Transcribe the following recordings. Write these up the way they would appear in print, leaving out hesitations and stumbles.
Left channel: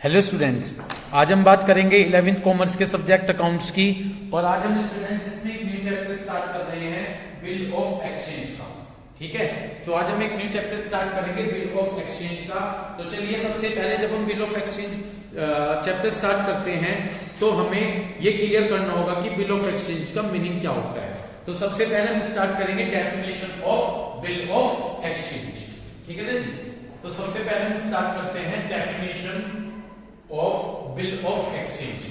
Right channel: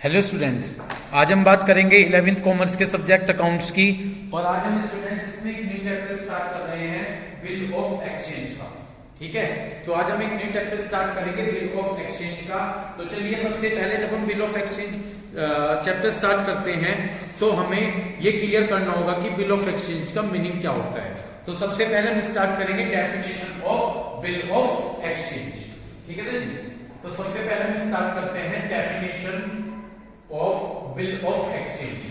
Hello students, आज हम बात करेंगे 11th कॉमर्स के सब्जेक्ट अकाउंट्स की। और आज हम स्टूडेंट्स इसमें एक न्यू चैप्टर स्टार्ट कर रहे हैं बिल ऑफ एक्सचेंज का। ठीक है, तो आज हम एक न्यू चैप्टर स्टार्ट करेंगे बिल ऑफ एक्सचेंज का। तो चलिए, सबसे पहले जब हम bill of exchange chapter start करते हैं तो हमें ये क्लियर करना होगा कि बिल ऑफ एक्सचेंज का मीनिंग क्या होता है। तो सबसे पहले हम स्टार्ट करेंगे definition of bill of exchange. ठीक है जी, तो सबसे पहले हम स्टार्ट करते हैं definition of bill of exchange.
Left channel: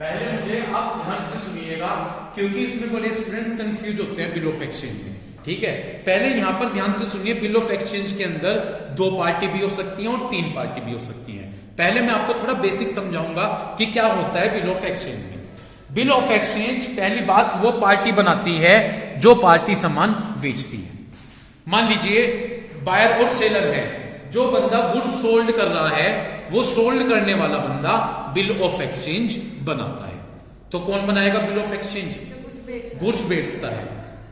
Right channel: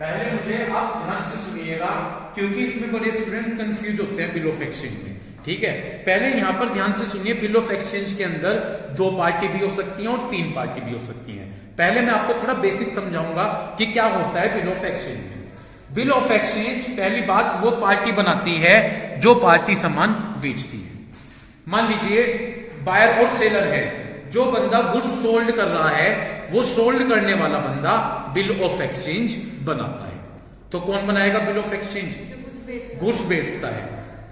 पहले मुझे आप ध्यान से सुनिएगा, क्योंकि इसमें बड़े स्टूडेंट्स कंफ्यूज होते हैं बिल ऑफ एक्सचेंज में। ठीक है, पहले यहां पर ध्यान से सुनिए, बिल ऑफ एक्सचेंज के अंदर 2 पार्टी भी हो सकती हैं और 3 पार्टी भी हो सकती हैं। पहले मैं आपको थोड़ा बेसिक समझाऊंगा कि क्या होता है बिल ऑफ एक्सचेंज में। बिल ऑफ एक्सचेंज, पहली बात, वो पार्टी बनाती है जो पार्टी सामान बेचती है। मान लीजिए बायर और सेलर है, जो बंदा गुड्स सोल्ड कर रहा है वो सोल्ड करने वाला बंदा बिल ऑफ एक्सचेंज बनाता है। तो कौन बनाएगा बिल ऑफ एक्सचेंज? गुड्स बेचता है।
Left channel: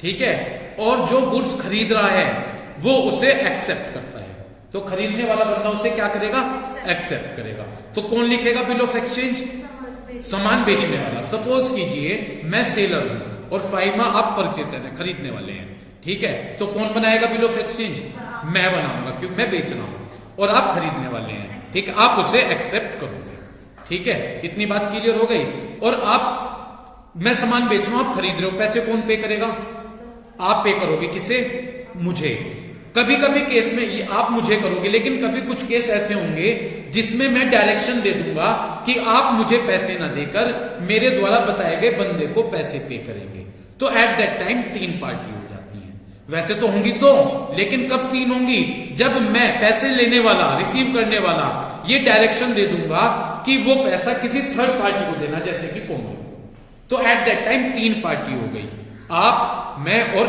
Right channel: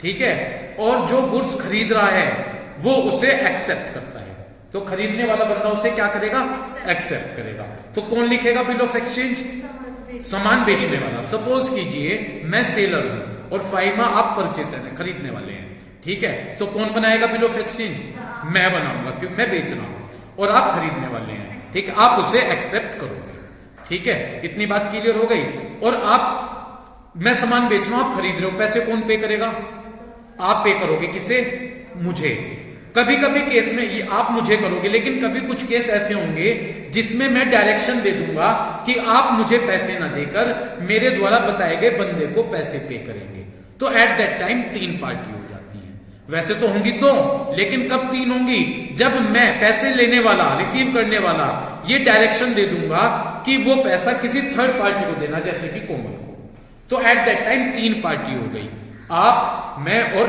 ठीक है, और जो गुड्स खरीद रहा है वो उसे एक्सेप्ट करता है। तो खरीदने वाला बंदा उसे क्या करेगा? एक्सेप्ट करेगा। तो कौन लिखेगा बिल ऑफ एक्सचेंज? सामान बेचने वाला। सपोज कीजिए मैं सेलर हूं और फाइमा आप परचेसर हैं, खरीदने वाले हैं। ठीक है, तो कौन बनाएगा बिल ऑफ एक्सचेंज? मैं बनाऊंगा, क्योंकि मैं बेच रहा हूं और आप खरीदने वाले हैं। ठीक है, आप उसे एक्सेप्ट करोगे। ठीक है, इतनी बात क्लियर हो गई। और मैं सामान बेच रहा हूं, आप खरीद रहे हो, पैसे कौन पे करेगा? आप पे करोगे। किसे? मुझे। कभी कभी केस में ये आप मुझे करोगे, लेकिन कभी कुछ केस ऐसे होंगे जिसमें मैं डायरेक्शन दे दूंगा कि आप मुझे पैसे ना देकर मेरे द्वारा बताए गए बंदे को पैसे पे करेंगे। तो एट दैट टाइम 3 पार्टी हो जाती है। वैसे तो होंगी 2, लेकिन कब 3 होंगी? जब मैं पैसे लेने वाला, रिसीव करने वाला, ये डायरेक्शन दे दूंगा कि वो पैसा किसी थर्ड पार्टी को देना, जैसे कि कोमल को। तो एट दैट टाइम 3 पार्टी हो गई, आप, मैं और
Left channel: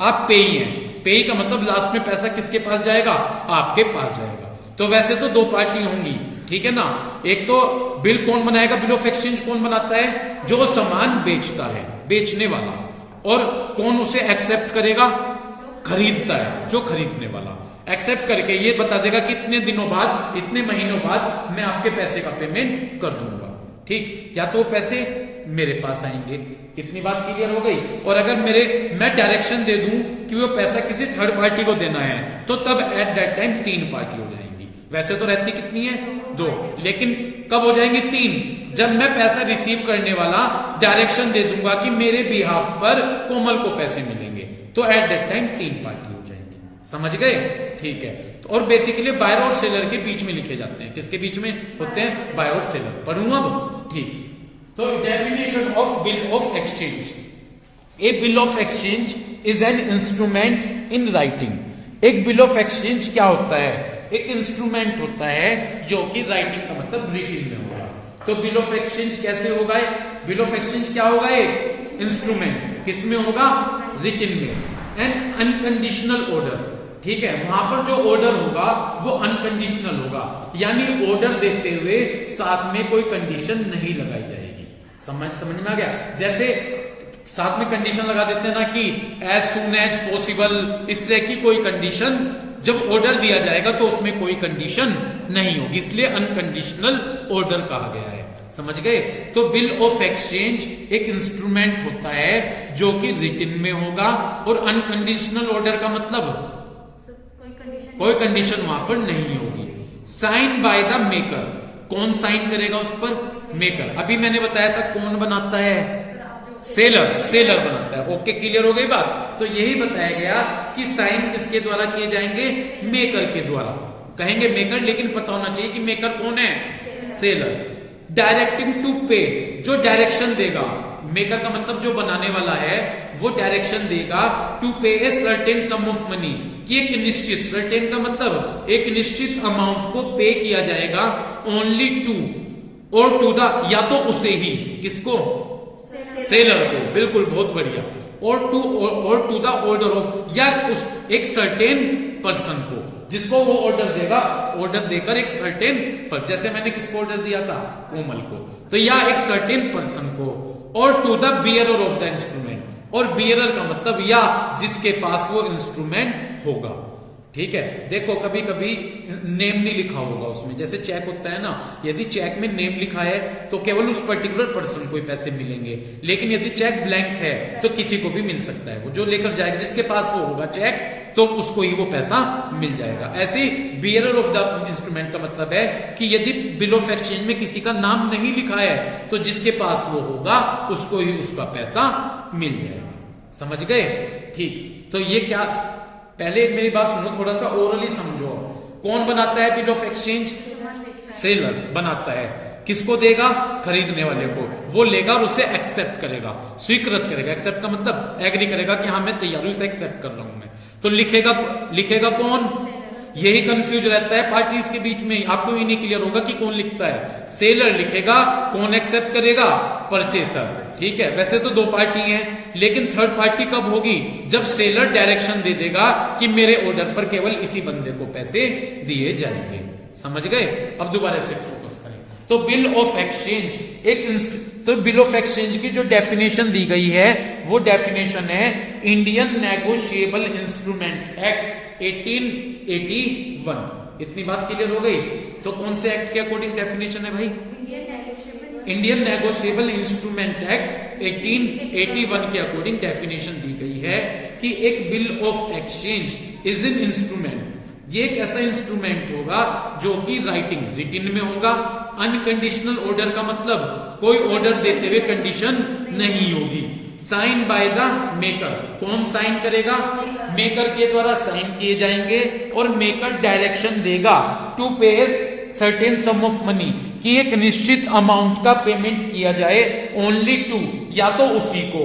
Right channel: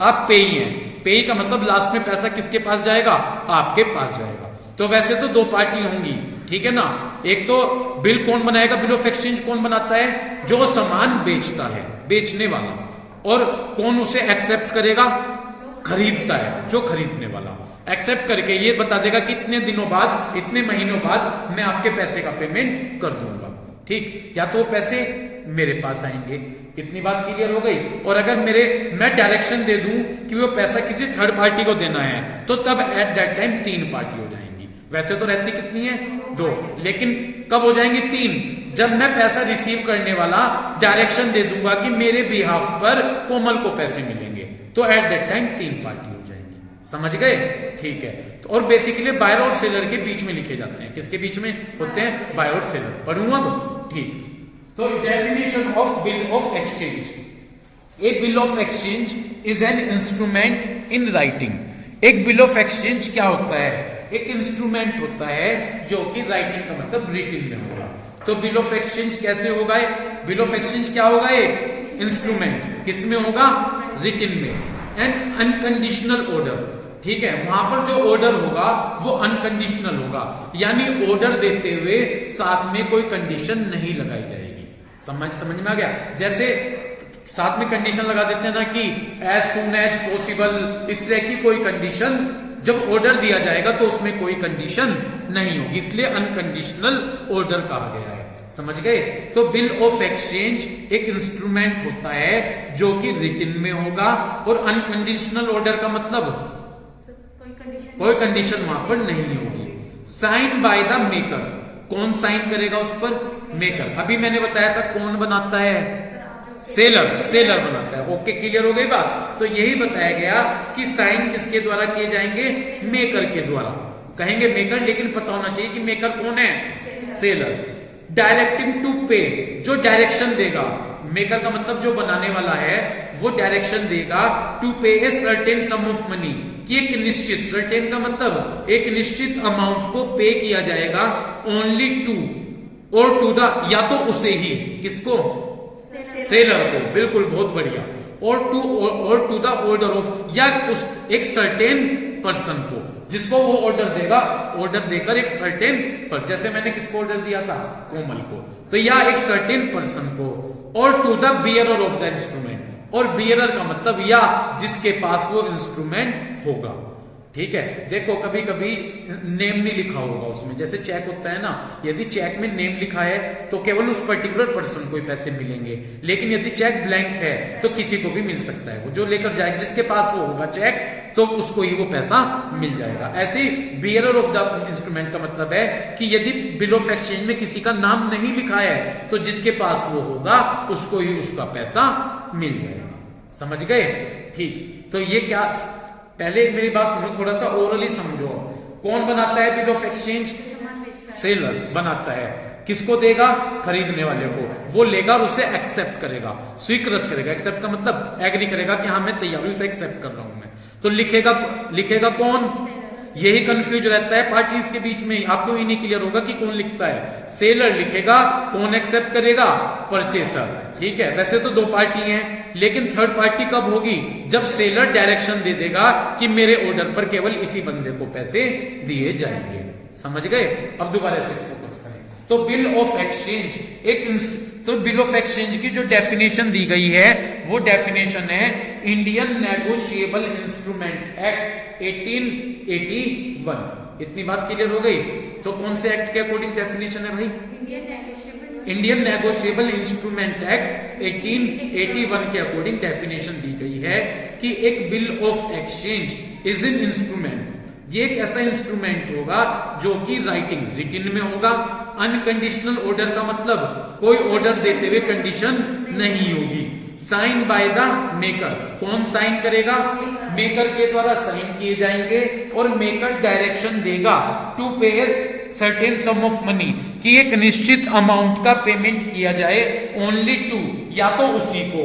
आप पेई हैं। पेई का मतलब लास्ट में पैसा किसके पास जाएगा? आपके पास जाएगा। तो वैसे तो 2 पार्टी होंगी। ठीक है ना, एक तो बिल कौन बनाएगा? बिल ऑफ एक्सचेंज कौन बनाता है? जो सामान बेचता है, बेचने वाला। और कौन उसे एक्सेप्ट करेगा? खरीदता है, जो खरीदने वाला। एक्सेप्ट करके ये बता देगा कि इतने दिनों बाद, इतने महीनों बाद मैं आपके पैसे का पेमेंट कर दूंगा। ठीक, या तो वो पैसे मेरे पास आएंगे। इतनी बात क्लियर हो गई। और अगर मैं डायरेक्शन दे दूं कि वो पैसा किसी थर्ड पार्टी को देना है, तो तब एट दैट टाइम 3 पार्टी हो जाएंगी। वैसे तो रहती कितनी है? 2, लेकिन कब हो जाएंगी 3? जब मैं पैसा रिसीव करने वाला डायरेक्शन दे दूंगा कि मेरे बिहाफ पर कोमल को पैसे मिलेंगे, तो एट दैट टाइम 3 पार्टी हो जाएंगी। समझ गए? ठीक है, तो और बेसिकली बायर और सेलर के बीच में लिखे जाते हैं। किसके बीच में होते हैं? बायर और सेलर। पढ़ूं अब? ठीक, तो definition of bill of exchange. A bill of exchange is an instrument in writing. एक बिल ऑफ एक्सचेंज क्या होता है? एक इंस्ट्रूमेंट होता है जो कि राइटिंग का मतलब रिटिन में होगा। तो बिल ऑफ एक्सचेंज कैसे होगा? बिल ऑफ एक्सचेंज क्या होगा? एक इंस्ट्रूमेंट। किस में होगा? रिटिन में। N unconditional order. ठीक है, वहां पर जो ऑर्डर होगा वो अनकंडीशनल होगा, यानी ऑर्डर देते हुए साथ में कोई कंडीशन नहीं लगाई जाएगी। समझ में आ गया? जैसे साथ में कंडीशन लगा देते हैं ना कि एज सून एज पॉसिबल, इस तरह की कोई कंडीशन जब ऑर्डर दिया जाएगा तो उसमें कोई कंडीशन नहीं होगी, इसलिए अनकंडीशनल ऑर्डर कहा गया है। समझ गए? तो बिल ऑफ एक्सचेंज एक इंस्ट्रूमेंट होता है जो कि रिटिन में होगा। और अनकंडीशनल ऑर्डर का मतलब कोई कंडीशन वहां पर नहीं होगी। Sign by the maker. कौन साइन करेगा उस पर? मेकर। अभी मैंने बताया था कौन बनाता है? सेलर बनाता है। ओके, क्लियर हो गई बात? तो यही बताया गया कि साइन किसके द्वारा किए जाएंगे? मेकर के द्वारा। कहेंगे मेकर, लेकिन पता होना चाहिए कि मेकर कौन है? सेलर। डायरेक्टिंग टू पे, जो डायरेक्शन देगा। मेकर का मतलब जो बनाने वाला है वो डायरेक्शन देगा टू पे a certain some of money, कि एक निश्चित, सर्टेन का मतलब एक निश्चित अमाउंट को पे किया जाएगा ओनली टू, और टू द, या तो उसे ही, किसको? सेलर को। बिल्कुल, बहुत बढ़िया। और टू द ऑर्डर ऑफ, या उस एक सर्टेन पर्सन को, जिसको वो ऑर्डर देगा, ऑर्डर देकर एक सर्टेन पर, जैसे मैंने किसको ऑर्डर दिया था? कोमल को। तो या एक सर्टेन पर्सन को, और to the bearer of the instrument, और बियरर का मतलब या जिसके पास वो इंस्ट्रूमेंट होगा। ठीक है, देखो कभी कभी नेम नहीं लिखा होगा उसमें, जैसे चेक होता है ना, यदि चेक में नेम लिखा है तो केवल उस पर्टिकुलर पर्सन को ही पैसे मिलेंगे, लेकिन यदि चेक ब्लैंक है तो किसी को भी मिल सकता है। वो जो लेकर जाएगा, जिसके पास वो होगा चेक, तो उसको ही वो पैसा मिल जाएगा। ऐसे ही बियरर ऑफ द इंस्ट्रूमेंट का मतलब है कि यदि बिल ऑफ एक्सचेंज में किसी का नाम नहीं लिखा है तो जिसके पास वो होगा उसको ही उसका पैसा मिल जाएगा। समझ गए? ठीक, तो ये क्या, पहले मेरी बात सुनो, थोड़ा सा ओरली समझो। कौन बनाता है बिल ऑफ एक्सचेंज? सेलर बनाता है। किसको देगा? खरीदने वाले को। वो लेगा और उसे एक्सेप्ट करेगा, स्वीकृत करेगा। एक्सेप्ट का मतलब एग्री करेगा कि हाँ मैं तैयार हूं, इसे एक्सेप्ट कर रहा हूं मैं। तो लिखेगा कौन? यही कंफ्यूज रहता है पार्टीज के बीच में, आपको ये नहीं क्लियर होगा कि कौन लिखता है। सेलर लिखेगा, कौन एक्सेप्ट करेगा? परचेसर। ठीक है, वैसे तो दो पार्टी हैं, लेकिन थर्ड पार्टी कब होगी? जब सेलर डायरेक्शन दे देगा कि मेरे ऑर्डर पर केवल इसी बंदे को पैसे दिए जाएंगे। समझ गए? अब दोबारा से फोकस करें। तो बिल ऑफ एक्सचेंज तो बिल ऑफ एक्सचेंज की जो डेफिनेशन दी गई है वो डेफिनेशन है इंडियन नेगोशिएबल इंस्ट्रूमेंट एक्ट 1881। इतनी बात क्लियर हो गई? तो कौन से एक्ट के अकॉर्डिंग डेफिनेशन है भाई? इंडियन नेगोशिएबल इंस्ट्रूमेंट एक्ट 1881 के अकॉर्डिंग डेफिनेशन दी गई है कि एक bill of exchange is an instrument, ये एक ऐसा इंस्ट्रूमेंट होगा जो कि रिटिन में होगा। अनकंडीशनल ऑर्डर का मतलब कोई ऑर्डर देते हुए कंडीशन नहीं होगी। साइन बाय द मेकर, कौन साइन करेगा? मेकर के द्वारा साइन किए जाएंगे और मेकर डायरेक्शन देगा टू पे सर्टेन सम ऑफ मनी, कि एक निश्चित अमाउंट का पेमेंट किया जाए ओनली टू, या तो उसी को,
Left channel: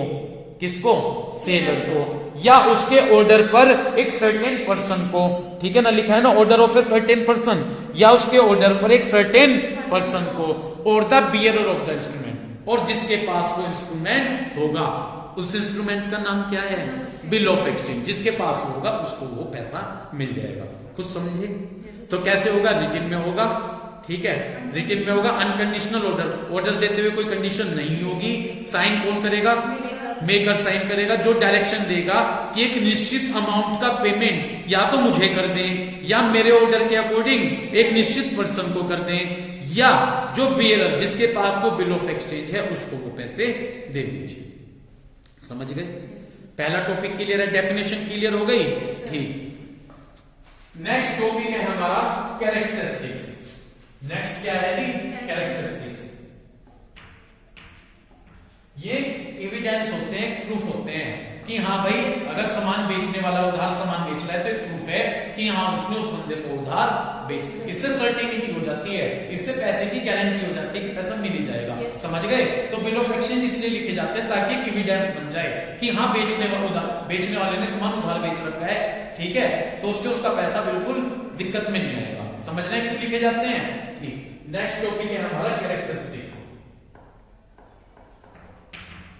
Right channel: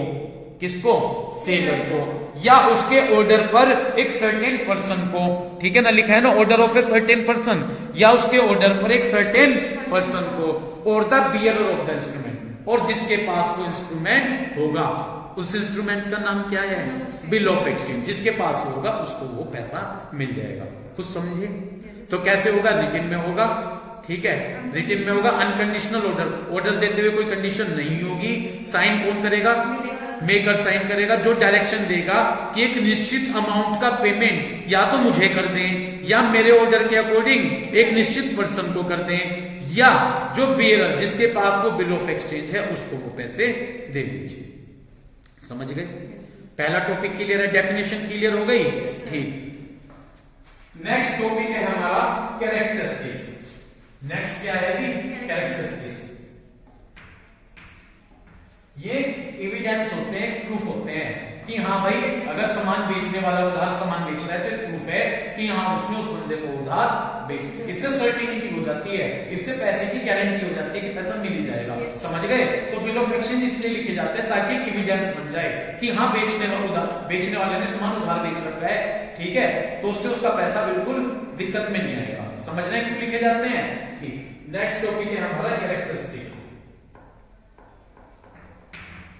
किसको? सेलर को, या उसके ऑर्डर पर एक सर्टेन पर्सन को। ठीक है ना, लिखा है ना order of a certain person, या उसके ऑर्डर पर एक सर्टेन पर्सन को, और the bearer of the instrument, और जिसके पास वो इंस्ट्रूमेंट होगा। उस इंस्ट्रूमेंट का नाम क्या है? Bill of exchange. जिसके पास होगा उसको वो पैसा मिल जाएगा। कुछ समझे? तो कैसे होगा? रिटिन में होगा। ठीक है, रिटिन में होगा। अनकंडीशनल ऑर्डर देते हुए कोई कंडीशन नहीं होगी। साइन कौन करेगा? मेकर साइन करेगा, जो डायरेक्शन देगा कि एक निश्चित अमाउंट का पेमेंट या तो मुझे कर दें, या मेरे ऑर्डर के अकॉर्डिंग एक निश्चित पर्सन को कर दें, या जो बियरर जिसके पास वो बिल ऑफ एक्सचेंज है उसको वो पैसे दे दीजिए। समझ गए? पहला टॉपिक क्लियर है, डेफिनेशन क्लियर हो गई? ठीक, नेक्स्ट टॉपिक है हमारा कैरेक्टरिस्टिक्स। नेक्स्ट क्या है जी? कैरेक्टरिस्टिक्स। ये एविडेंस होते हैं, प्रूफ होते हैं कि हाँ भाई अगर सामान बेचने वाला उधार सामान बेच रहा है तो एक प्रूफ है कि हाँ उसने उस बंदे को उधार बेच। इससे सर्टेनिटी हो जाती है, इससे पैसे की गारंटी हो जाती है कि पैसा मिल ही जाएगा। समझ गए? तो बिल ऑफ एक्सचेंज इसलिए लिखे जाते हैं ताकि एविडेंस बन जाए कि हाँ बेचने वाले ने सामान उधार बेच रखा है। ठीक है, तो उससे उसका पैसा बिल्कुल दिक्कत में नहीं आएगा। समझना क्यों लिखे जाते हैं? ठीक, नेक्स्ट टॉपिक है हमारा characteristics.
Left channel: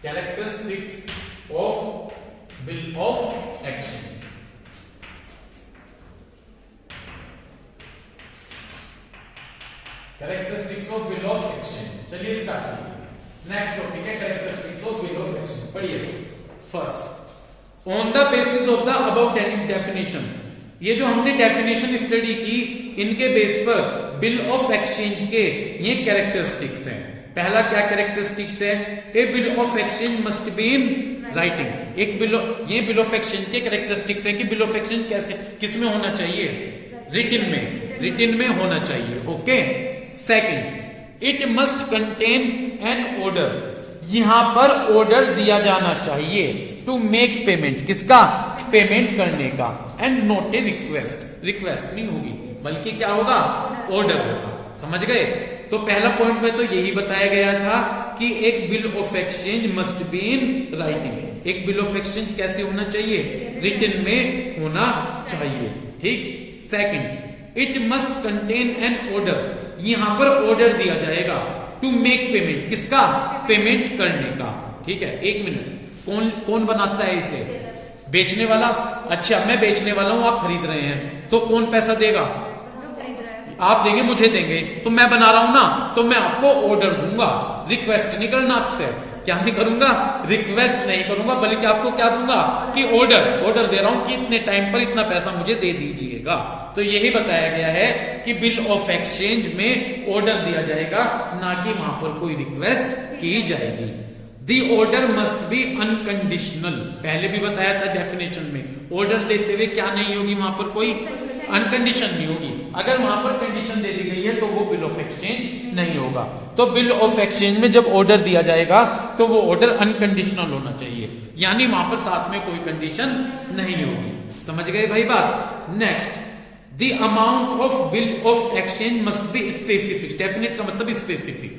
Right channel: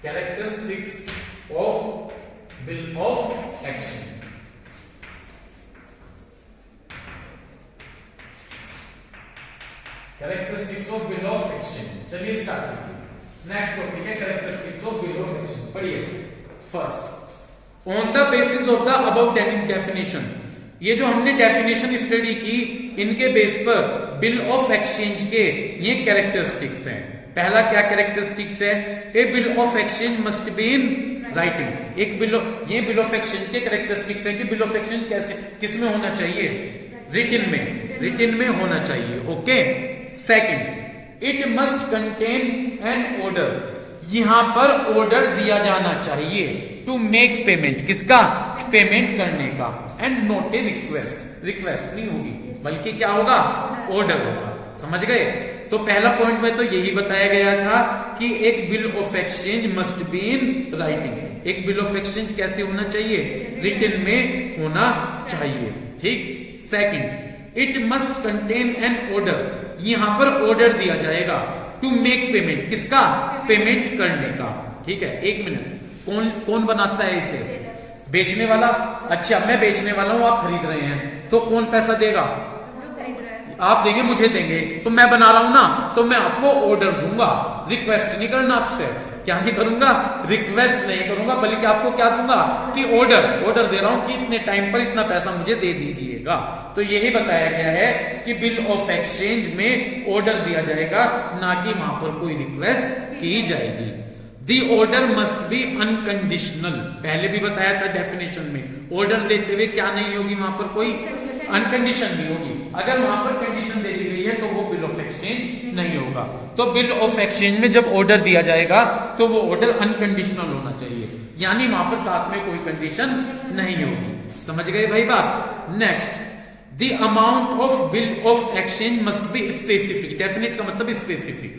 Characteristics of bill of exchange। Characteristics of bill of exchange। चलिए स्टार्ट करिए। नेक्स्ट टॉपिक है characteristics of bill of exchange. पढ़िए। First, on the basis of the above definition, ये जो हमने डेफिनेशन स्टडी की इनके बेस पर बिल ऑफ एक्सचेंज के ये कैरेक्टरिस्टिक्स हैं। पहला क्या कैरेक्टरिस्टिक्स है? A bill of exchange must be in writing. ये बिल ऑफ एक्सचेंज के कैरेक्टरिस्टिक्स है कि बिल ऑफ एक्सचेंज कैसे, किस में होना चाहिए? रिटिन में, रिटिन में होना चाहिए। Okay. Second, it must contain an order. यहां पर ऑर्डर दिया जाना चाहिए टू मेक पेमेंट, किसका? पेमेंट करने का। And not a request, request नहीं होगी बल्कि क्या होगा? ऑर्डर होगा। समझ गए? तो पहला पॉइंट में तो यही बताया गया था कि एक bill of exchange must be in writing. एक बिल ऑफ एक्सचेंज कैसे होना चाहिए? रिटिन में होना चाहिए। ठीक। Second, it must contain an order. यहां पर ऑर्डर दिया जाएगा टू मेक पेमेंट, किसका? पेमेंट करने का। ठीक है, एक मिनट, कौन बनाता है इसे? बेचने वाला। अच्छा, मैं बेचने वाला हूं, आप खरीद रहे हैं, तो कौन पैसा देगा? आप देंगे, मुझे देंगे, तो मैं बना रहा हूं ना, तो मैं आपको ऑर्डर दूंगा, रिक्वेस्ट नहीं करना आपसे। क्या नहीं करूंगा, रिक्वेस्ट नहीं करूंगा, बल्कि आपको क्या दूंगा कि ऑर्डर दे रहा हूं कि इतने टाइम पर इतना पैसा मुझे दे दीजिएगा। तो यही बताया गया है कि बिल ऑफ एक्सचेंज में ऑर्डर दिया जाएगा, ना कि वहां पर कोई रिक्वेस्ट की जाएगी। दी ऑर्डर मस्ट बी अनकंडीशनल, पहले भी बताया था डेफिनेशन में, ऑर्डर देते हुए क्या नहीं होगी, वहां पर कोई अनकंडीशन नहीं होगी। अगर वहां पर कंडीशन दे दी गई है तो वो बिल ऑफ एक्सचेंज नहीं होगा। तो बिल ऑफ एक्सचेंज में जब ऑर्डर दिया जाएगा तो वो ऑर्डर अनकंडीशनल होना चाहिए, यानी वहां पर साथ में कोई कंडीशन नहीं होगी। समझ गए भाई बात। Next, the amount of bill of exchange must be specific. Definite का मतलब स्पेसिफिक,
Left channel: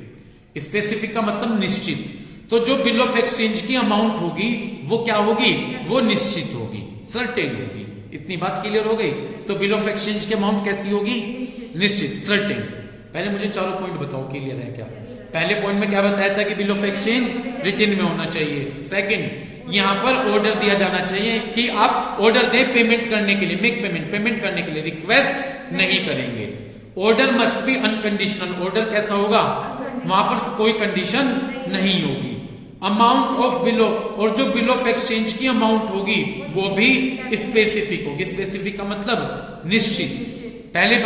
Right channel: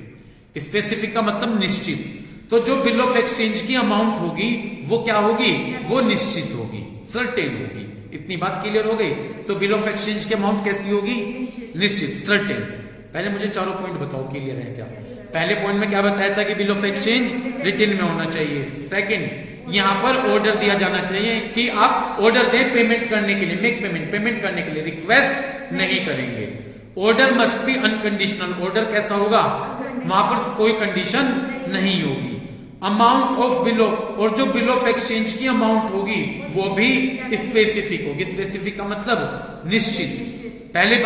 स्पेसिफिक का मतलब निश्चित। तो जो बिल ऑफ एक्सचेंज की अमाउंट होगी वो क्या होगी, वो निश्चित होगी, सर्टेन होगी। इतनी बात क्लियर हो गई। तो बिल ऑफ एक्सचेंज की अमाउंट कैसी होगी, निश्चित, सर्टेन। पहले मुझे चारों पॉइंट बताओ क्लियर है क्या। पहले पॉइंट में क्या बताया था कि बिल ऑफ एक्सचेंज रिटन में होना चाहिए। सेकंड, यहां पर ऑर्डर दिया जाना चाहिए कि आप ऑर्डर दें पेमेंट करने के लिए, मेक पेमेंट करने के लिए, रिक्वेस्ट नहीं करेंगे। Order must be unconditional, order कैसा होगा, वहां पर कोई कंडीशन नहीं होगी। अमाउंट ऑफ बिल, और जो बिल ऑफ एक्सचेंज की अमाउंट होगी वो भी स्पेसिफिक होगी। स्पेसिफिक का मतलब निश्चित, पहले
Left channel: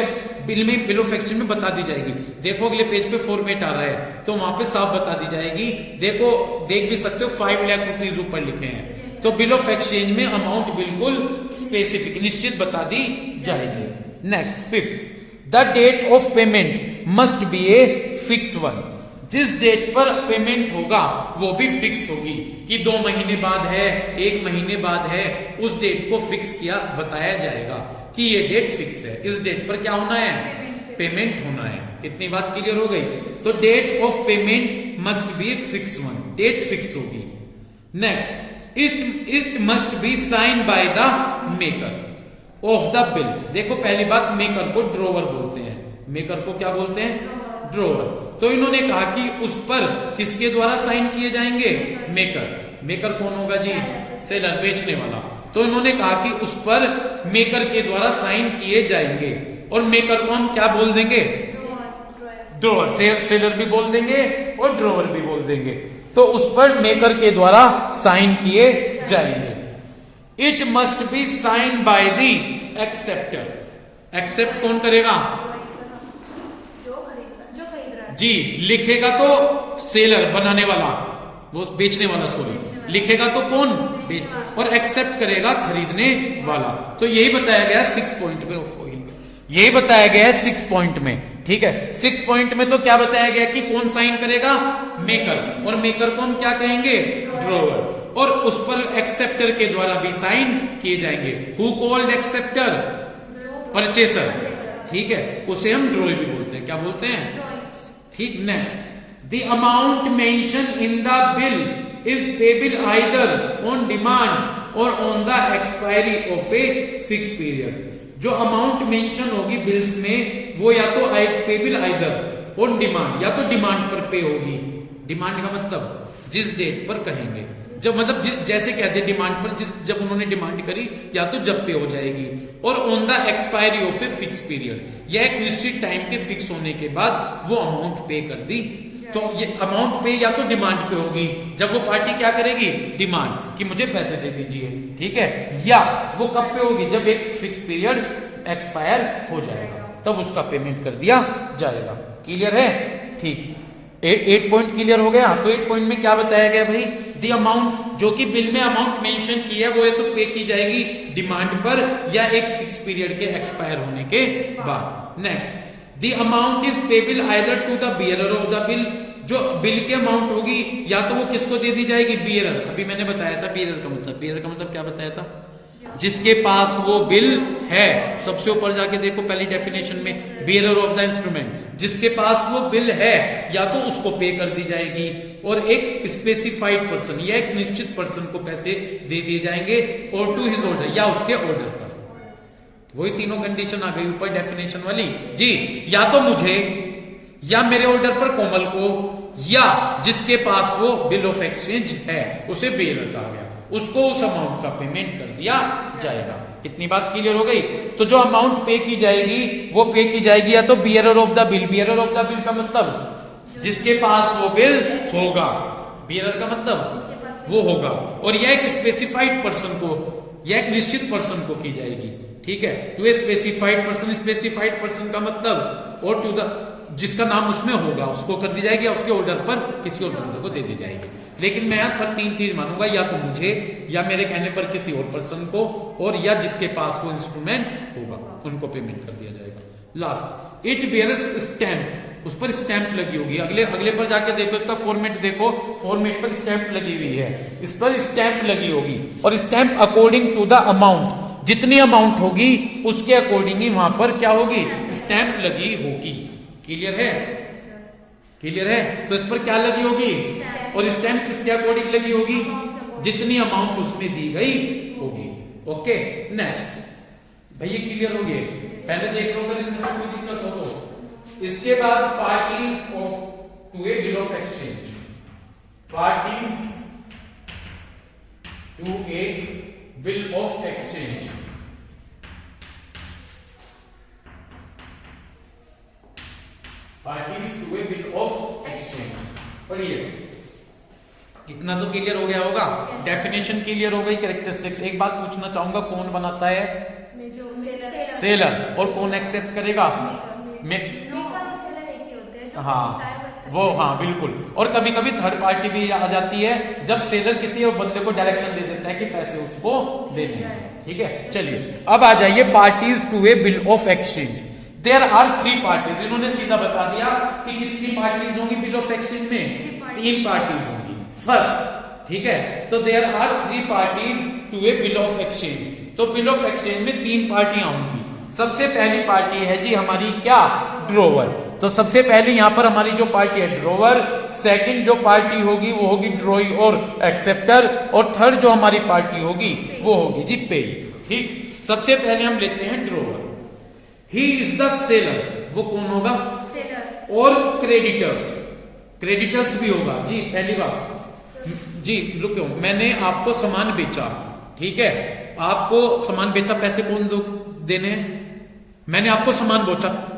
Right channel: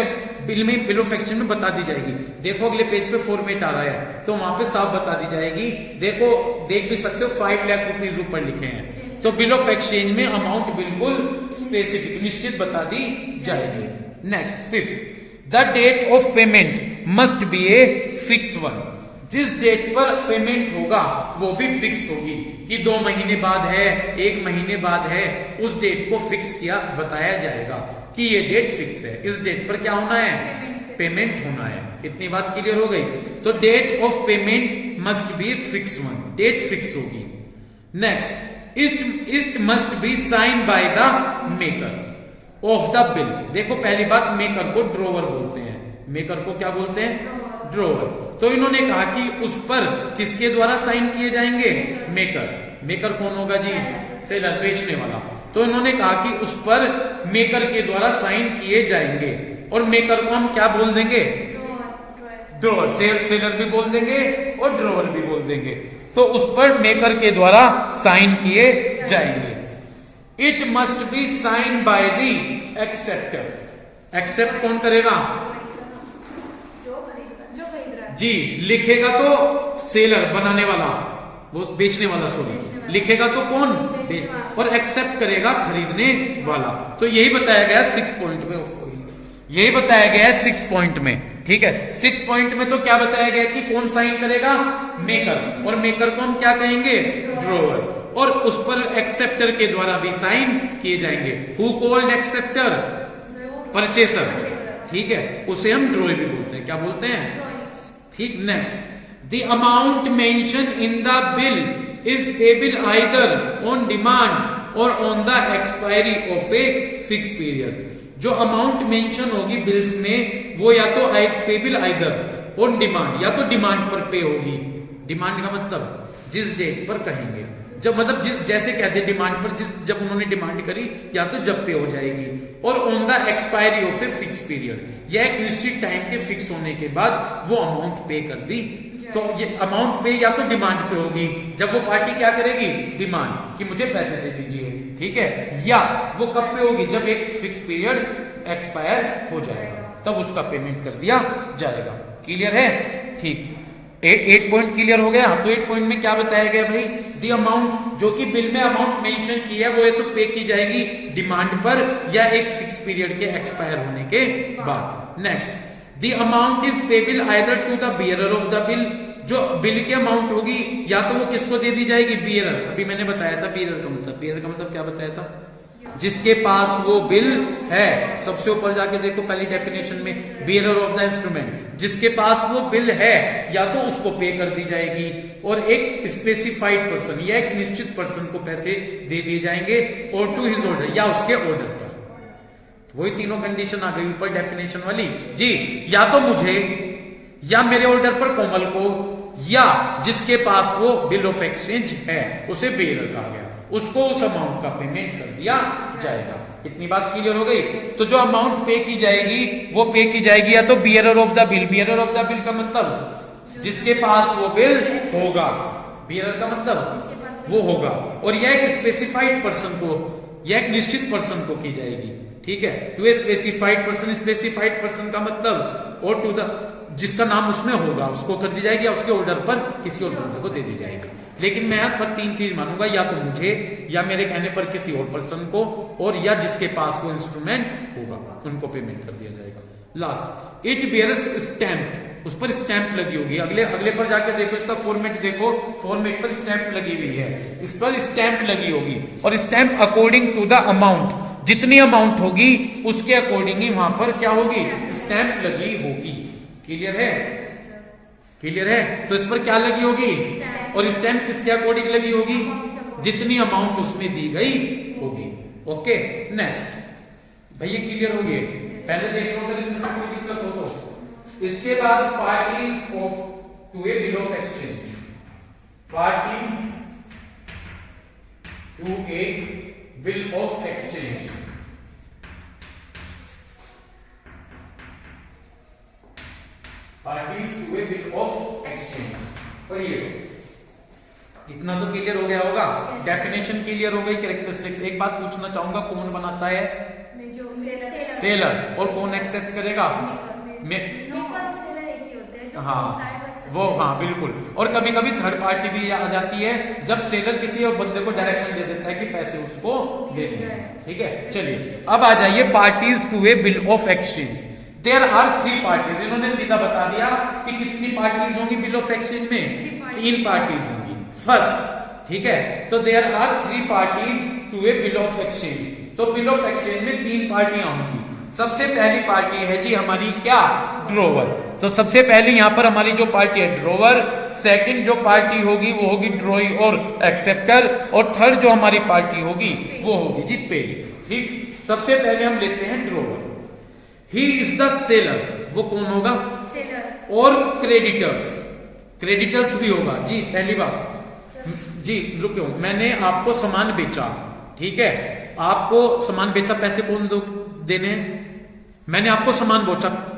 बिल में, बिल ऑफ एक्सचेंज में बता दी जाएगी। देखो अगले पेज पे फॉर्मेट आ रहा है तो वहां पे साफ बता दी जाएगी। देखो देख भी सकते हो 5 लाख रुपीज ऊपर लिखे हैं। तो बिल ऑफ एक्सचेंज में अमाउंट बिल्कुल स्पेसिफिक, निश्चित बता दी जाएगी। Next, fifth, the date of payment must be a fix one. जिस डेट पर पेमेंट होगा वो भी फिक्स होगी, कि 2 महीने बाद है, 1 महीने बाद है, उस डेट को फिक्स किया बताया जाएगा कि ये डेट फिक्स है, इस डेट पर क्या होना है, पेमेंट होना है। इतनी बात क्लियर हो गई। तो date of payment must be fix one, date fix होगी। Next, it must be sign by the maker of the bill. देखो पहली बात, मेकर को ड्रोवर बोलते हैं, मेकर को क्या बोलते हैं, ड्रोवर। तो इन्होंने कहा कि उस पर किसके द्वारा साइन किए जाएंगे, मेकर। मेकर कौन होगा जी, सेलर, बेचने वाला। तो इन्होंने कहा कि उस पर मेकर के द्वारा साइन किए जाएंगे। और मेकर को हम क्या बोल देंगे, ड्रोवर। सेलर भी बोल देंगे और ड्रोवर भी बोल देंगे। तो उस पर मेकर के द्वारा साइन किए जाएंगे। It must be sign by the acceptor. Accept कौन करेगा, जी, लिखेगा तो सेलर, बनाने वाला, वो बेचने वाला, सॉरी, लिखेगा तो कौन, और एक्सेप्ट करेगा खरीदने वाला। तो यही बताया गया 6 पॉइंट में, यही बताया गया है 6 पॉइंट में। ठीक है, 6 पॉइंट में तो क्या बताया गया कि कौन साइन करेगा, मेकर, और मेकर को हम क्या कहेंगे, ड्रोवर। और उस पर एक्सेप्टर के द्वारा भी साइन किए जाएंगे। Who called acceptor, purchaser. ठीक है, उसे हम ड्रोवर भी बोलते हैं, क्या बोलते हैं, ठीक। Next, the amount mention in the bill is payable either on demand और on the expiry of a fix period. जो अमाउंट मेंशन होगी बिल्स में वो या तो पेबल आइदर ऑन डिमांड, या तो डिमांड पर पे होगी। डिमांड का मतलब जिस डेट पर कहेंगे, जब मतलब जैसे कहते हैं डिमांड पर, जब उन्होंने डिमांड करी या तो जब पे हो जाएगी। और on the expiry of a fix period, यह एक निश्चित टाइम के फिक्स होने के बाद वो अमाउंट पे कर दी। तो ये अमाउंट पे या तो डिमांड पे होगी, जब वो पार्टी क्या करेगी, डिमांड कि मुझे पैसे दे दीजिए। ठीक है, या वो कब पे होगी, जब एक फिक्स पीरियड एक्सपायर हो जाएगा, तब उसका पेमेंट कर दिया जाएगा। क्लियर है, ठीक। 8 पॉइंट क्लियर हो गया। तो 8 पॉइंट में क्या बताया गया भाई, दी अमाउंट, जो कि बिल में अमाउंट मेंशन की है वो ये तो पे की जाएगी डिमांड पर या एक फिक्स पीरियड के एक्सपायर होने के बाद। Next, the amount is payable either to the bearer of the bill. जो बिल की अमाउंट होगी या तो वो किसको दे दी जाएगी, बियरर। अभी मैंने बताया था बियरर का मतलब क्या बताया था, जिसके पास वो बिल है। सबसे ऊपर जाके देखो पहली डेफिनेशन में, बियरर ऑफ द इंस्ट्रूमेंट, जिसके पास वो बिल है या तो उसको पे कर दी जाएगी, और एक स्पेसिफाइड पर्सन या एक निश्चित पर्सन को पैसे दे दिए जाएंगे, और टू हिज ऑर्डर, या उसके ऑर्डर पर। वही तीनों कंडीशन आ गई ऊपर डेफिनेशन वाली जी, या तो मुझे, या मेरे ऑर्डर पर कोमल को, या जिसके पास वो बिल ऑफ एक्सचेंज है उसे बियरर कहा गया, उसको उस अमाउंट का पेमेंट कर दिया जाएगा। इतनी बात क्लियर हो गई। तो जो अमाउंट पे की जाएगी वो पे की जाएगी या तो bearer of the bill. Bearer of the bill का मतलब जिसके पास वो बिल होगा, बियरर का मतलब जिसके पास वो होगा, और यह एक स्पेसिफाइड पर्सन को, यह एक निश्चित पर्सन को की जाएगी, ठीक है। To a specified person, specified person का मतलब, और टू द, जिसका नाम उसमें होगा उसको कर दी जाएगी, उसके ऑर्डर पर किसी और बंदे को दे दी जाएगी। लेकिन मैं यहाँ पर 3 चीज मानूंगा, या तो मुझे, या मेरे कहने पर किसी और पर्सन को, और या जिसके पास वो इंस्ट्रूमेंट होगा उनको पेमेंट कर दिया जाएगा। लास्ट, इट बियर्स स्टैंप, उस पर स्टैंप लगी होगी। अगले पर जाके देखो, इसका फॉर्मेट देखो, फॉर्मेट पर स्टैंप लगी हुई है, इस पर स्टैंप लगी होगी, और stamp according to the amount, जितनी अमाउंट होगी उसके अकॉर्डिंग ही वहां पर क्या होगी, स्टैंप लगी होगी। क्लियर है? क्लियर है? तो इस पर क्या लगी होगी, और स्टैंप किसके अकॉर्डिंग लगी होगी, जितनी अमाउंट उसमें दी गई होगी। ओके, नेक्स्ट भाई, ये क्लियर हो गए? पहले देख लो, अगर इनमें से कोई दिक्कत हो तो। इसके बाद parties of to a bill of exchange, parties to a bill of exchange. Parties to a bill of exchange, पढ़िए। इतना तो क्लियर हो गया होगा, डेफिनेशन क्लियर हो गई, कैरेक्टरिस्टिक्स। एक बात पूछना चाहूंगा, कौन बनाता है, जो सेलर, और कौन एक्सेप्ट करेगा, मेकर और सेलर एक ही होते हैं, जो हाँ खरीदता है वो accept वो, हाँ बिल्कुल। और कभी कभी थर्ड पार्टी भी आ जाती है, जब सेलर किसी और बंदे को डायरेक्शन दे देता है कि पैसे उसको देने हैं, ठीक है। चलिए अब आ जाइए parties to a bill of exchange. There are 3 parties, इन्होंने सीधा बता दिया कि कितनी पार्टीज होंगी बिल ऑफ एक्सचेंज में, 3 पार्टीज होंगी। फर्स्ट, ठीक है, तो there are 3 parties to a bill of exchange. तो बिल ऑफ एक्सचेंज में 3 पार्टियां होंगी। सबसे पहली पार्टी है जी हमारी क्या, ड्रोवर। तो सबसे पहले यहां पर हमारी जो पार्टी है ड्रोवर, सेकंड जो पार्टी होगी वो होगी ड्रॉई और एक्सेप्टर, और थर्ड जो हमारी पार्टी होगी वो होगी जी पे। ठीक, सबसे पहले हम लेते हैं drawer. He is the seller, वो कौन होगा, सेलर। और क्रेडिटर्स, क्रेडिटर्स भी होगा जी। पहली बात जी, रुको, मैंने आपको सामान बेचा, ठीक है, आपको सामान बेचा, पैसे कौन देने हैं, मैंने आपको सामान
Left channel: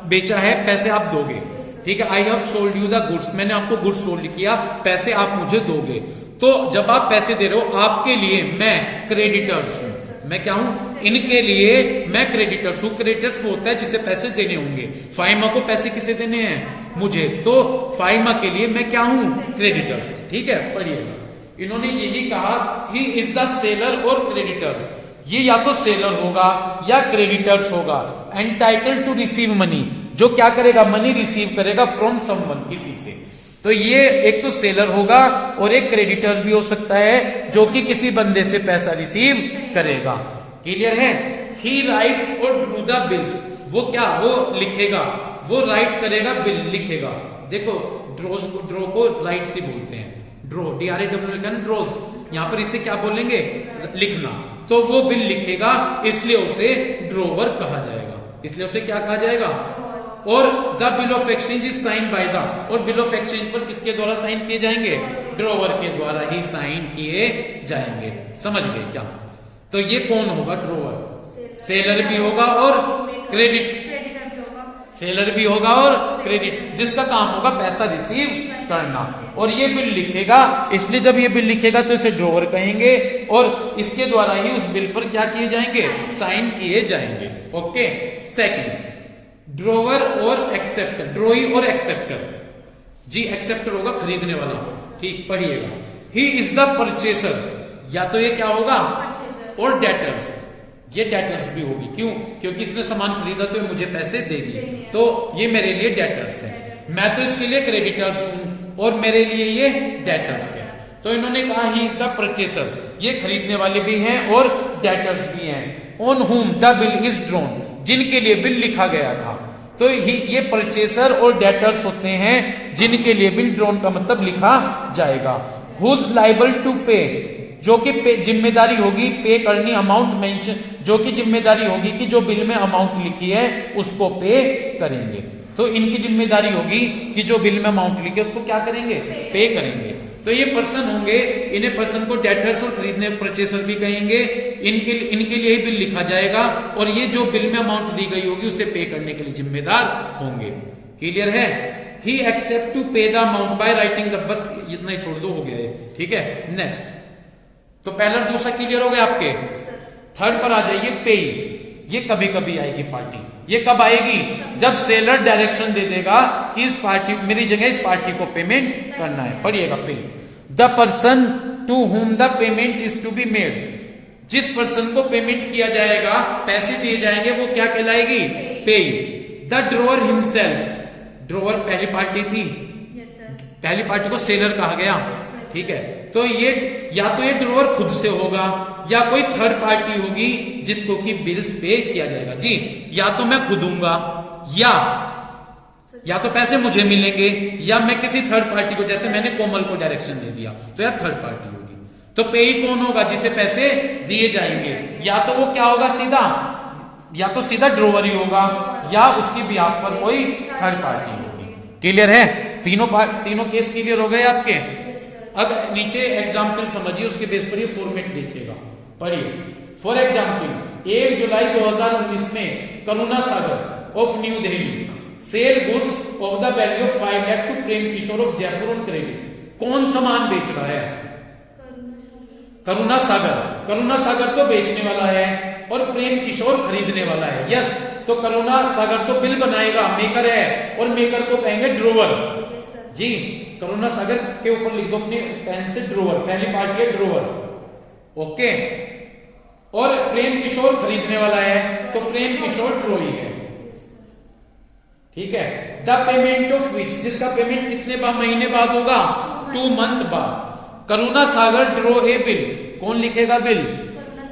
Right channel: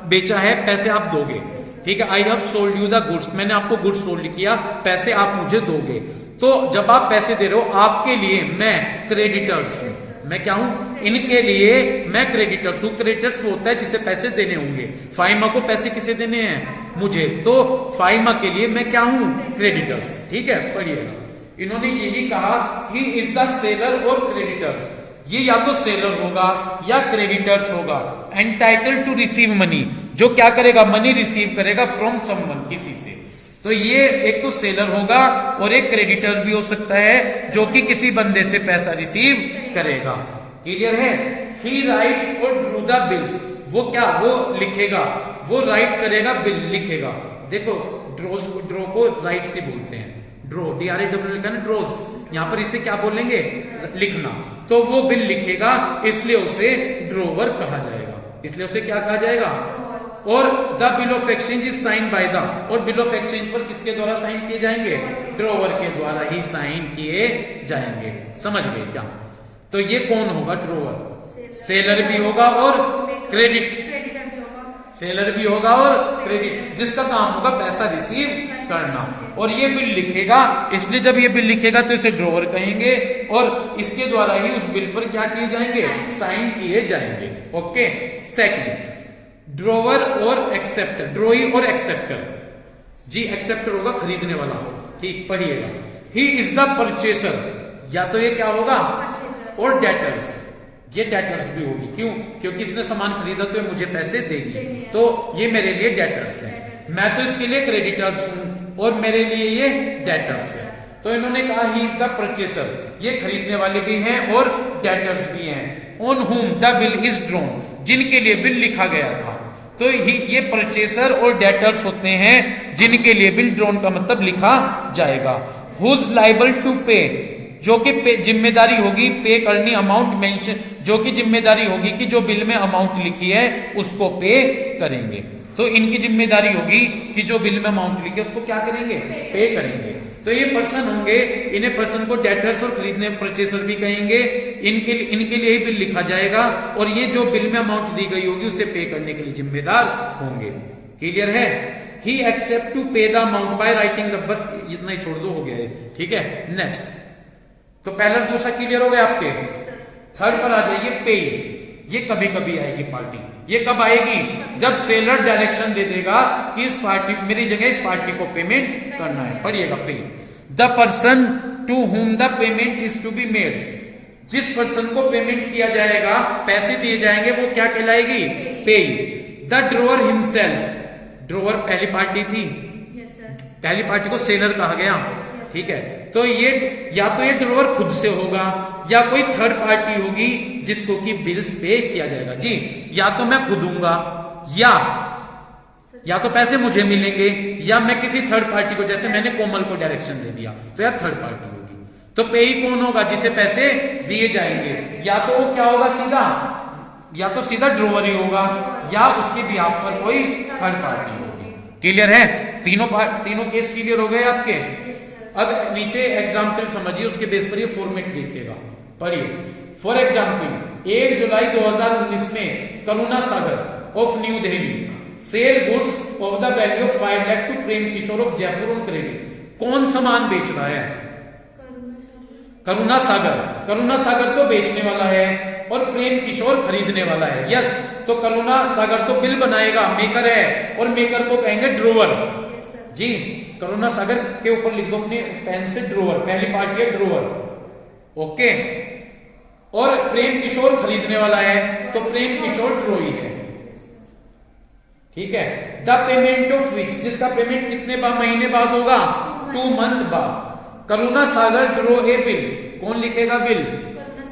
बेचा है, पैसे आप दोगे, ठीक है। I have sold you the goods, मैंने आपको गुड्स सोल्ड किया, पैसे आप मुझे दोगे। तो जब आप पैसे दे रहे हो, आपके लिए मैं क्रेडिटर्स हूं, मैं क्या हूं, इनके लिए मैं क्रेडिटर्स हूं। क्रेडिटर्स वो होता है जिसे पैसे देने होंगे। फाइमा को पैसे किसे देने हैं, मुझे, तो फाइमा के लिए मैं क्या हूं, क्रेडिटर्स, ठीक है। पढ़िएगा, इन्होंने यही कहा, ही इज द सेलर और क्रेडिटर्स, ये या तो सेलर होगा या क्रेडिटर्स होगा। एंटाइटल्ड टू रिसीव मनी, जो क्या करेगा, मनी रिसीव करेगा फ्रॉम समवन, किसी से। तो ये एक तो सेलर होगा और एक क्रेडिटर भी हो सकता है जो कि किसी बंदे से पैसा रिसीव करेगा। क्लियर है? ही राइट्स और ड्रू द बिल्स, वो क्या, वो लिखेगा, वो राइट करेगा, बिल लिखेगा। देखो ड्रो को राइट से बोलते हैं, ड्रो, DRAW लिखा ना, ड्रोज, यहां पर इसे क्या बोलेंगे, लिखना। तो वो बिल लिखेगा, इसलिए उसे ड्रोवर कहा जाएगा, इसलिए उसे क्या कहा जाएगा। और the bill of exchange is sine by the, और बिल ऑफ एक्सचेंज पर किसके द्वारा साइन किए जाएंगे, ड्रोवर के द्वारा ही साइन किए जाएंगे। समझ गए क्या? तो ये कौन होगा, ड्रोवर, सेलर भी होगा और क्रेडिटर भी होगा, सेलर भी होगा और क्रेडिट, जिसका काम होगा पैसा रिसीव करना। और ये बिल लिखेगा, इसलिए जब ये बिल लिखेगा तो इसे ड्रोवर कहेंगे, और इसके द्वारा ही उस बिल पर क्या किए जाएंगे, साइन किए जाएंगे। ओके, सेकंड, ड्रोवर और एक्सेप्टर, ड्रोई और एक्सेप्टर जी। एक्सेप्टर होगा खरीदने वाला, ठीक, पढ़िएगा। ही इज द परचेसर, या तो ये क्या होगा, और डेटर्स, ये डेटर्स भी होगी, क्यों, क्योंकि इसने सामान खरीदा तो ये मुझे पैसे देगी, तो ये मेरे लिए डेटर्स है। मैं तो इसके लिए क्रेडिटर्स हूं और मेरे लिए ये डेटर्स है। तो इन्होंने कहा ही इज द परचेसर, ये खरीदने वाले भी हैं और डेटर्स भी हैं। On whom the bill is drawn, जिनके लिए बिल लिखा गया था। तो ये परचेसर और डेटर्स होते हैं जिनके लिए बिल ड्रॉन का मतलब लिखा जाएगा। हुज लाइबल टू पे, जो कि जिम्मेदारी होगी पे करनी, अमाउंट मेंशन, जो कि जिम्मेदारी होगी कि जो बिल में अमाउंट लिखी है उसको पे करेंगे। तो इनकी जिम्मेदारी होगी कि जो बिल में अमाउंट लिखी है उसको क्या करेंगे, पे करेंगे। तो ये पर्सन होंगे, इन्हें पर्सन को डेटर्स और खरीदने परचेसर भी कहेंगे। इनके लिए ही बिल लिखा जाएगा, और ये जो बिल में अमाउंट दी गई होगी उसे पे करने के लिए जिम्मेदार होंगे। क्लियर है? ही एक्सेप्ट टू पे the amount by writing the, बस इतना ही छोड़ दो, हो गया ये, ठीक है। नेक्स्ट, तो पहला दूसरा क्लियर हो गया आपके। थर्ड पर आ जाइए, पे। ये कभी कभी आएगी पार्टी। ये कब आएगी? जब सेलर डायरेक्शन दे देगा कि इस पार्टी, मेरी जगह इस पार्टी को पेमेंट करना है। पढ़िएगा, pay. The person to whom the payment is to be made, जिस पर्सन को पेमेंट किया जाएगा, पैसे दिए जाएंगे, वो क्या कहलाएगी? पे। द ड्रोअर हिमसेल्फ, ड्रोअर पहली पार्टी थी, यस सर, पहली पार्टी को सेलर कहा गया, ठीक है। तो ये या तो ये ड्रोअर खुद से होगा या कोई थर्ड पार्टी होगी जिसको कि बिल्स पे किया जाएगा जी। या तो मैं खुद दूंगा, या तो पैसे मुझे मिलेंगे, या मैं किसी थर्ड पार्टी को, जैसे मैंने कोमल को डायरेक्शन दे दिया, तो यार थर्ड पार्टी होगी। तो पे ही कौन होगा? जिसे पैसे दिए जाएंगे। या तो वो क्या होगा सीधा, या तो सीधा ड्रोअर ही होगा, या उसके बिहाफ पर कोई थर्ड पार्टी होगी। क्लियर है? तीनों केस क्लियर हो गए आपके। अब नीचे एग्जाम्पल समझिए, उसके बेस पर ये फॉर्मेट देखिएगा, पढ़िए। फॉर एग्जाम्पल, 1 जुलाई 2019 में Karuna Sagar of new Delhi sell goods of the value of 5 lakh to Prem Kishore of Jaipur on credit. कौन सामान बेच रहा है? करुणा सागर। करुणा सागर तो बेचने वाला है और प्रेम किशोर खरीदने वाला है। यस, तो करुणा सागर तो बिल बनाएगा, मेकर है, और मेकर को कहेंगे ड्रोवर जी। करुणा सागर के ऊपर लिख दो अपने पेन से ड्रोवर, पहली पार्टी है ड्रोवर, ओके। और प्रेम किशोर खरीदने वाला है, तो प्रेम किशोर ड्रोई है, ठीक है। द पेमेंट ऑफ विच, जिसका पेमेंट कितने महीने बाद होगा? 2 मंथ बाद। करुणा सागर ड्रो ए बिल, कौन लिखेगा बिल?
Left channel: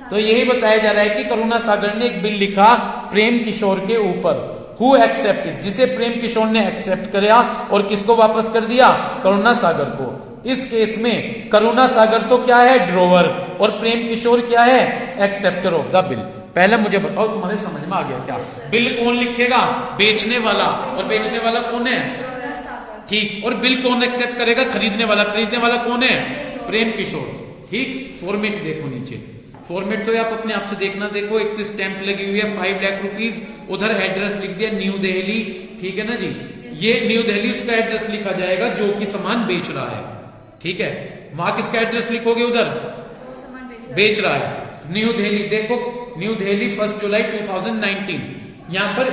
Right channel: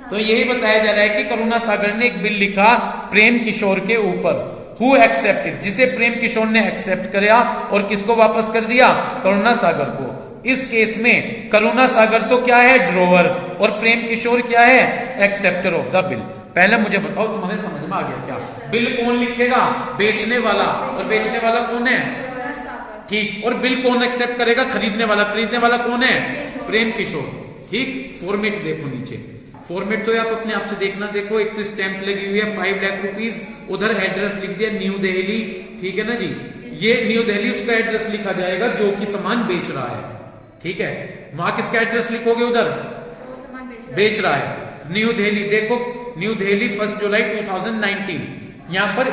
तो यही बताया जा रहा है कि करुणा सागर ने एक बिल लिखा प्रेम किशोर के ऊपर। हु एक्सेप्टेड, जिसे प्रेम किशोर ने एक्सेप्ट किया और किसको वापस कर दिया? करुणा सागर को। इस केस में करुणा सागर तो क्या है? ड्रोवर, और प्रेम किशोर क्या है? Acceptor of the bill. पहले मुझे बताओ, तुम्हारे समझ में आ गया क्या? बिल कौन लिखेगा? बेचने वाला, और बेचने वाला कौन है? ठीक। और बिल कौन एक्सेप्ट करेगा? खरीदने वाला। खरीदने वाला कौन है? प्रेम किशोर, ठीक। फॉर्मेट देखो नीचे, फॉर्मेट तो आप अपने आप से देखना। देखो, एक तो स्टैंप लगी हुई है 5 लाख रुपीज, उधर एड्रेस लिख दिया न्यू दिल्ली, ठीक है ना जी। ये न्यू दिल्ली उसका एड्रेस लिखा जाएगा जो कि सामान बेच रहा है, ठीक है। वहां किसका एड्रेस लिखोगे? उधर बेच रहा है, न्यू दिल्ली। देखो, न्यू दिल्ली 1 जुलाई 2019। यहां पर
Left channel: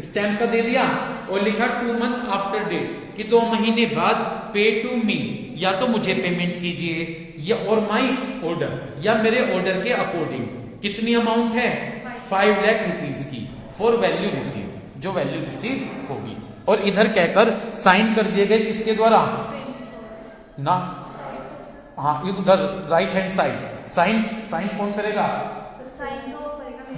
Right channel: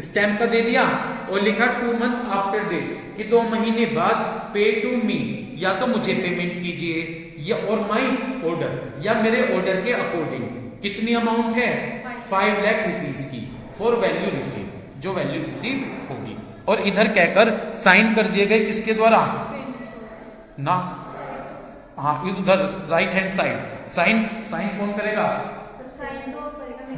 स्टैंप का दे दिया और लिखा 2 मंथ आफ्टर डेट, कि 2 महीने बाद पे टू मी, या तो मुझे पेमेंट कीजिए, या और माई ऑर्डर, या मेरे ऑर्डर के अकॉर्डिंग। कितनी अमाउंट है? 5 लाख रुपीज की, फॉर वैल्यू रिसीव, जो वैल्यू रिसीव होगी। और इधर कहकर साइन कर दिए गए किसके द्वारा? ना, हाँ, उधर राइट हैंड साइड साइन कौन करेगा?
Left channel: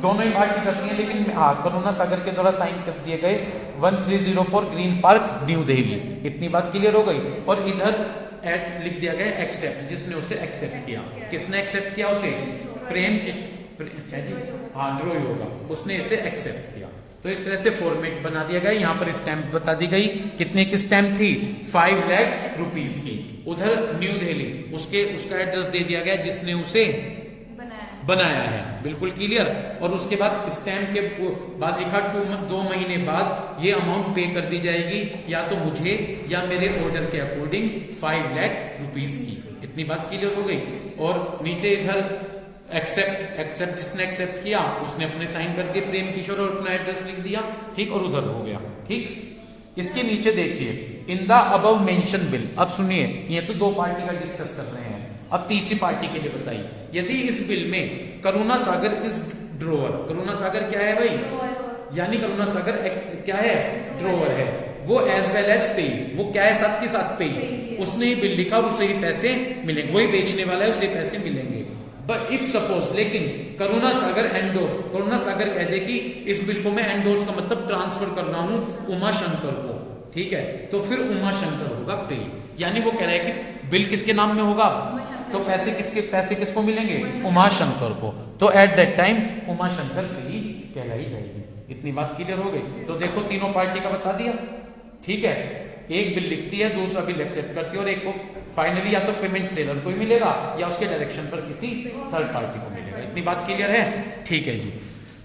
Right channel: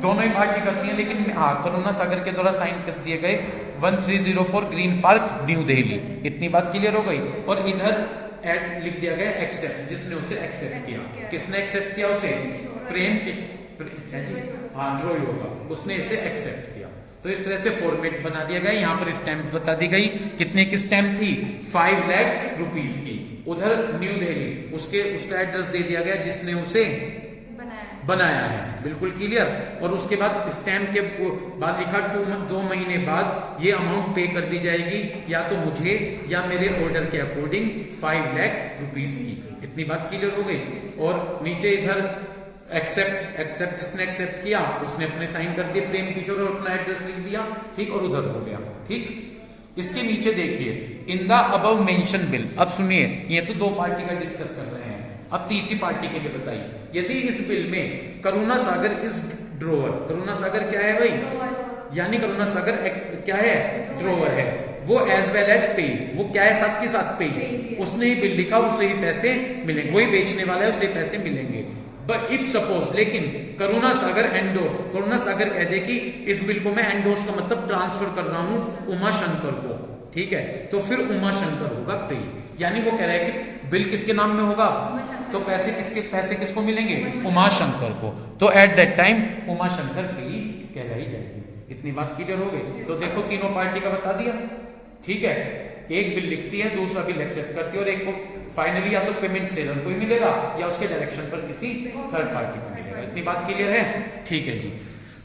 दोनों ही पार्टी करती हैं, लेकिन हाँ, करुणा सागर के द्वारा साइन कर दिए गए 1304 ग्रीन पार्क न्यू दिल्ली। इतनी बात क्लियर हो गई। और इधर एड लिख दिया गया एक्सेप्ट, जिसने उसे एक्सेप्ट किया। किसने एक्सेप्ट किया उसे? प्रेम हाँ, ड्रोई होगा, उसने इसे एक्सेप्ट किया। तो इस तरह से फॉर्मेट बना दिया गया। यहाँ पर स्टैंप बता दी गई, कितने की स्टैंप थी? 5 लाख रुपीज की। उधर न्यू दिल्ली, उसका एड्रेस दे दिया गया जिसने उसे बनाया है। बिल्कुल क्लियर। और उसके बाद स्टैंप के बाद लिखा 2 महीने बाद ये अमाउंट पे कर दी जाएगी, या तो मुझे या मेरे ऑर्डर के अकॉर्डिंग 5 लाख रुपीज की। इतनी बात क्लियर हो गई। और नीचे इधर एक्सेप्ट जिसने एक्सेप्ट किया उसने अपने साइन कर दिए प्रेम किशोर, और अपना एड्रेस लिख दिया, ठीक। और उधर हो गया, ठीक। इसके नीचे देखिए, in the above mention bill. अब सुनिए, ये तो 2 पार्टी का डिस्कस कर रहे हैं, अब तीसरी पार्टी के लिए बताइए। यदि इस बिल में करुणा सागर इज ड्रोवर, करुणा सागर क्या है भाई? यानी करुणा सागर क्या है? ड्रोवर है। वो एज वेल एज पे, वो क्या है? साथ के साथ पे। उसने ही बिल लिखा और उसे ही पैसे मिलेंगे, वही बेचने वाला है, उसे पैसे मिलेंगे। बट इफ सपोज, लेकिन करुणा सागर एंडोर्स, करुणा सागर कह दे कि इस बिल को मैं एंडोर्स का मतलब ट्रांसफर कर रहा हूं उमा शंकर को, ठीक है, तो फिर उमा शंकर होगा पे। यानी वो कह रहा है कि बिल किसके नाम में होगा, तो पैसे किसको मिलेंगे? उमा शंकर को। तो at that time Uma Shankar पे कहलाई जाएगी। इतनी बात क्लियर हो गई। तो देखो, तीनों पार्टी का बता दिया, ठीक है। एक बिल लिखती है, दूसरा बिल एक्सेप्ट करती है, और एक को फाइनली या तो पेमेंट सेलर को ही मिलेगा या उसके डायरेक्शन पर किसी थर्ड पार्टी को मिलेगा। इतनी बात क्लियर है? ठीक है जी।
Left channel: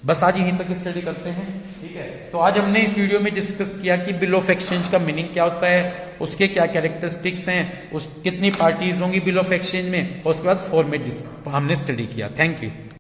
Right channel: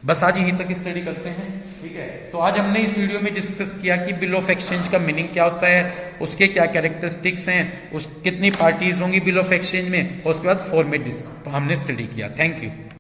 बस आज यहीं तक स्टडी करते हैं, ठीक है। तो आज हमने इस वीडियो में डिस्कस किया कि बिल ऑफ एक्सचेंज का मीनिंग क्या होता है, उसके क्या कैरेक्टरिस्टिक्स हैं, उस कितनी पार्टीज होंगी बिल ऑफ एक्सचेंज में, और उसके बाद फॉर्मेट हमने स्टडी किया। Thank you.